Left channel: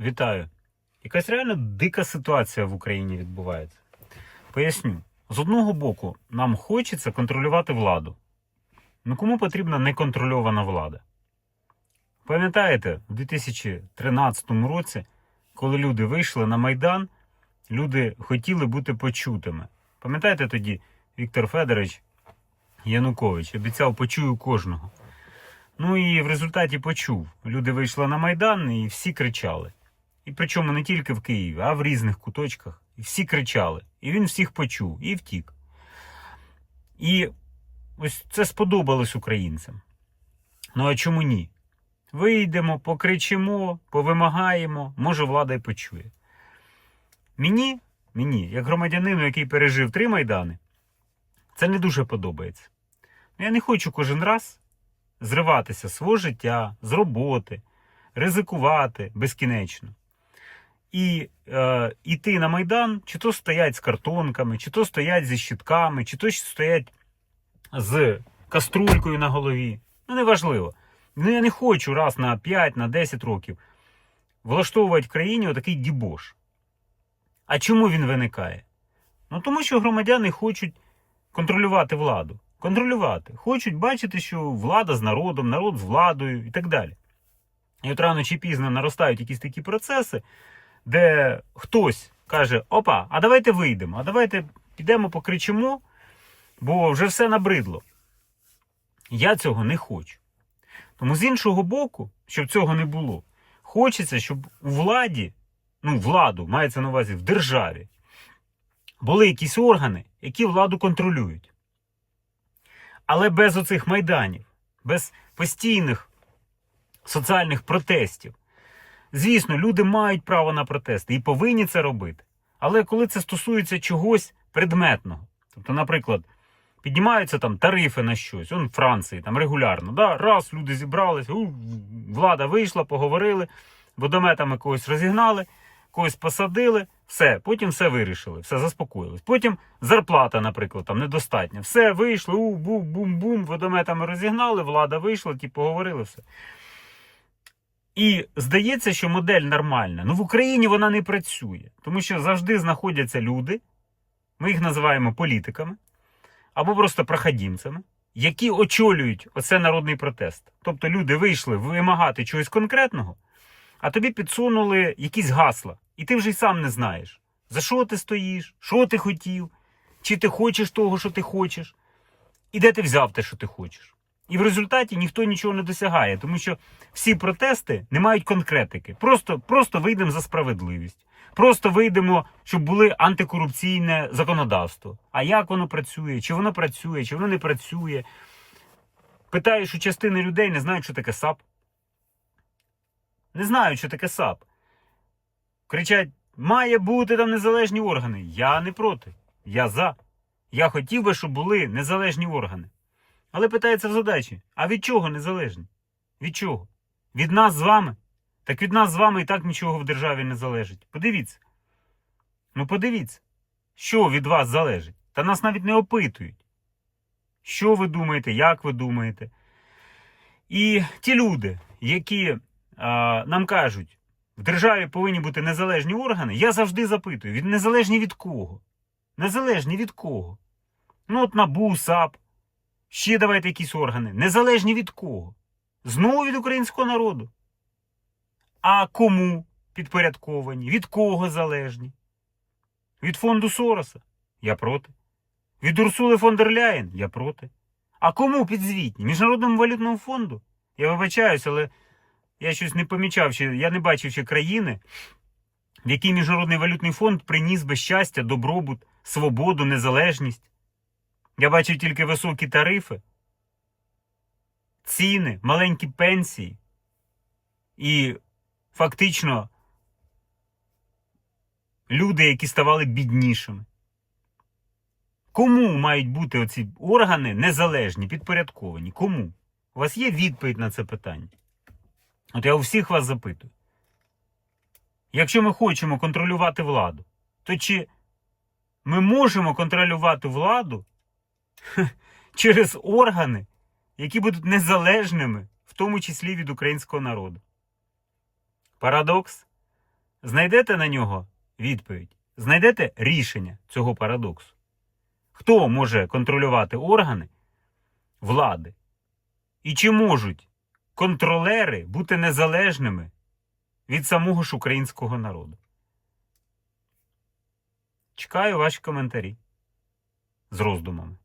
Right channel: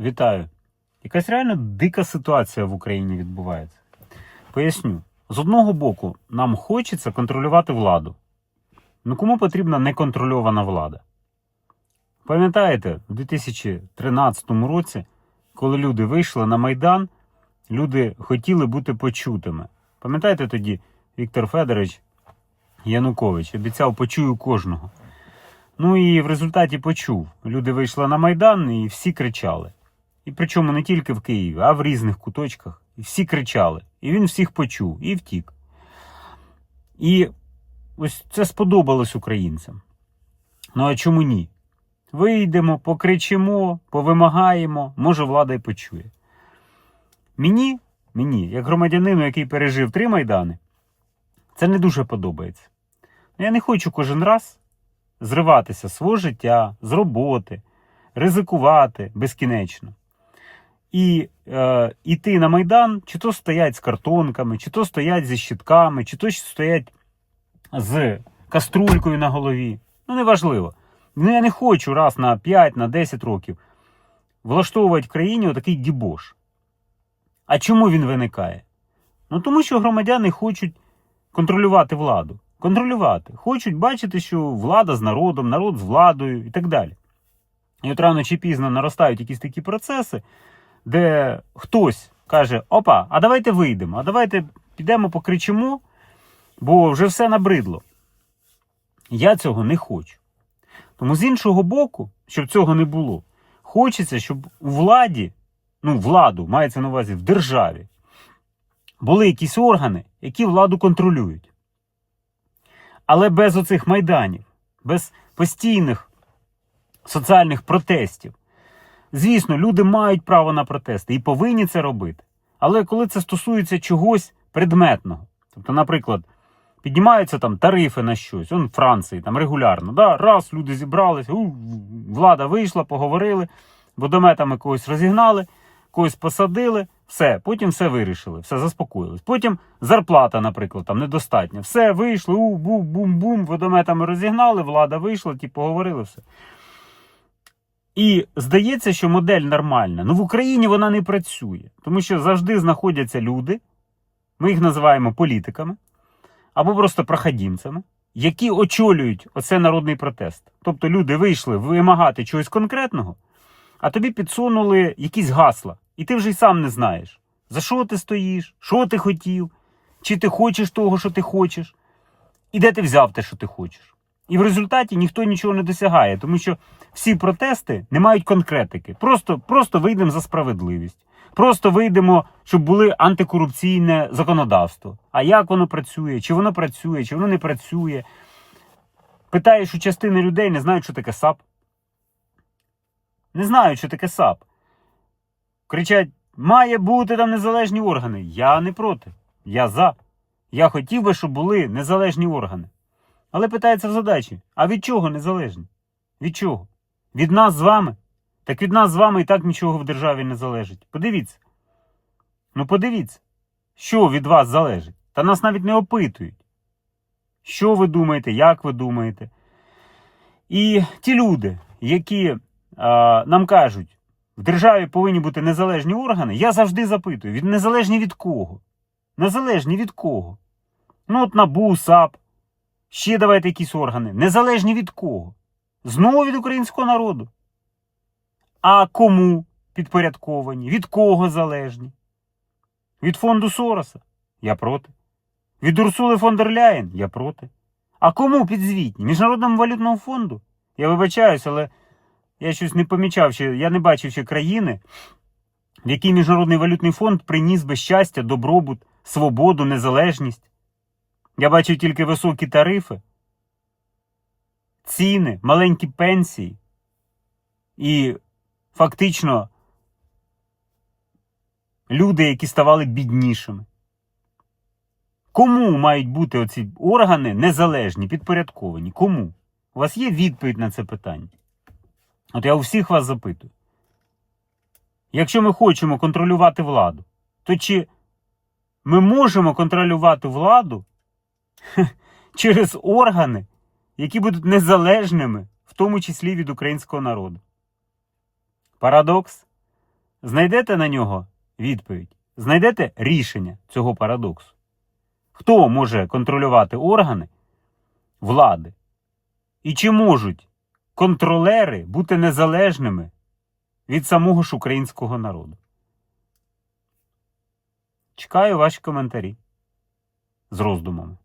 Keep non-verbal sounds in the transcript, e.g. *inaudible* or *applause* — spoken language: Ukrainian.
Вітаю. Якась реально дика ситуація в Україні відбувається. Поясню. З одного боку, нам хочеться контролювати владу. Ну кому потрібна неконтрольована влада? Пам'ятаєте, у 2013 році, коли люди вийшли на Майдан, люди хотіли бути почутими. Пам'ятаєте тоді Віктор Федорович Янукович обіцяв почую кожного. Ну і в результаті почув. Люди вийшли на Майдан і всі кричали. І причому не тільки в Києві, а в різних куточках. І всі кричали. І він всіх почув і втік. І ось це сподобалось українцям. Ну а чому ні? Вийдемо, покричимо, повимагаємо, може влада й почує. Мені, мені, як громадянину, який пережив три майдани, це не дуже подобається. Ну, Я не хочу кожен раз зриватися з свого життя, з роботи, ризикувати безкінечно. І е, іти на Майдан, чи то стоять з картонками, чи то стоять зі щитками, чи то стоять з каструлькою на голові. Ну, неважливо. Ну, я не хочу раз на 5, на 10 років влаштовувати в країні отакий дібош. А чому він виникає? Ну тому що громадяни хочуть контролювати владу. Контролювати. Хочуть бачити, що влада з народом, народ з владою і так далі. І от рано чи пізно наростають якісь такі процеси, де хтось каже: Опа, а давайте вийдемо, а давайте підемо покричимо, бо вже все набридло. Я цього не хочу. Тому з іншого боку, щоб цього не було, хочеться, щоб у владі, ну, владу мається на увазі в державі, були якісь органи, які владу контролюють. Але без оцих майданів, без постійних соціальних протестів. Звісно, люди мають право на протести і повинні це робити. Але коли це стосується чогось предметного, тобто, наприклад, піднімаються там тарифи на щось, он в Франції там регулярно, да, раз люди зібралися, у, влада вийшла, поговорили, водометами когось розігнали, когось посадили, все, потім все вирішили, все заспокоїлись. Потім зарплата, наприклад, там недостатня. Все вийшло, у, бум, бум, бум, водометами розігнали, влада вийшла, ті поговорили, все. І здається, що модель нормальна. Ну в Україні вона не працює, тому що завжди знаходяться люди, ми їх називаємо політиками або просто проходімцями, які очолюють оце народний протест. Тобто люди вийшли вимагати чогось конкретного, а тобі підсунули якісь гасла, і ти вже й сам не знаєш, за що ти стоїш, що ти хотів, чи ти хочеш того, що ти хочеш, і де ти взяв те, що ти хочеш. І в результаті ніхто нічого не досягає, тому що всі протести не мають конкретики. Просто, просто вийдемо за справедливість. Просто вийдемо, щоб були антикорупційне законодавство. А як воно працює? Чи воно працює, чи воно не працює? Питаєш у частини людей, не знають, що таке САП. Не знають, що таке САП. Кричать: має бути там незалежні органи. Я не проти. Я за. Я хотів би, щоб були незалежні органи. Але питається в задачі: а від чого незалежні? Від чого? Від нас з вами? Так від нас з вами і так нічого в державі не залежить. Подивіться. Ну подивіться, що від вас залежить. Та нас навіть не опитують. Що ви думаєте, як ви думаєте? І ті люди, які а, нам кажуть, в державі повинні бути незалежні органи, я завжди запитую: від незалежні від кого? Незалежні від кого? Ну, от НАБУ, САП, ще давайте якісь органи. Незалежні від кого? Знову від українського народу. А кому підпорядковані? Від кого залежні? Від фонду Сороса? Я проти. Від Урсули фон дер Ляєн? Я проти. А кому підзвітні? Міжнародному валютному фонду? Я вибачаюсь, але я щось не помічав, ще, я не бачив ще країни, в якій Міжнародний валютний фонд приніс би щастя, добробут, свободу, незалежність. Я бачив тільки високі тарифи, ціни, маленькі пенсії. І фактично люди, які ставали біднішими. Кому мають бути оці органи незалежні, підпорядковані? Кому? У вас є відповідь на це питання? От я у всіх вас запитую. Якщо ми хочемо контролювати владу, то чи ми можемо контролювати владу *laughs* через органи, які будуть незалежними, в тому числі від українського народу? Парадокс. Знайдете на нього відповідь? Знайдете рішення цього парадоксу? Хто може контролювати органи влади? І чи можуть контролери бути незалежними від самого ж українського народу? Чекаю ваші коментарі з роздумами.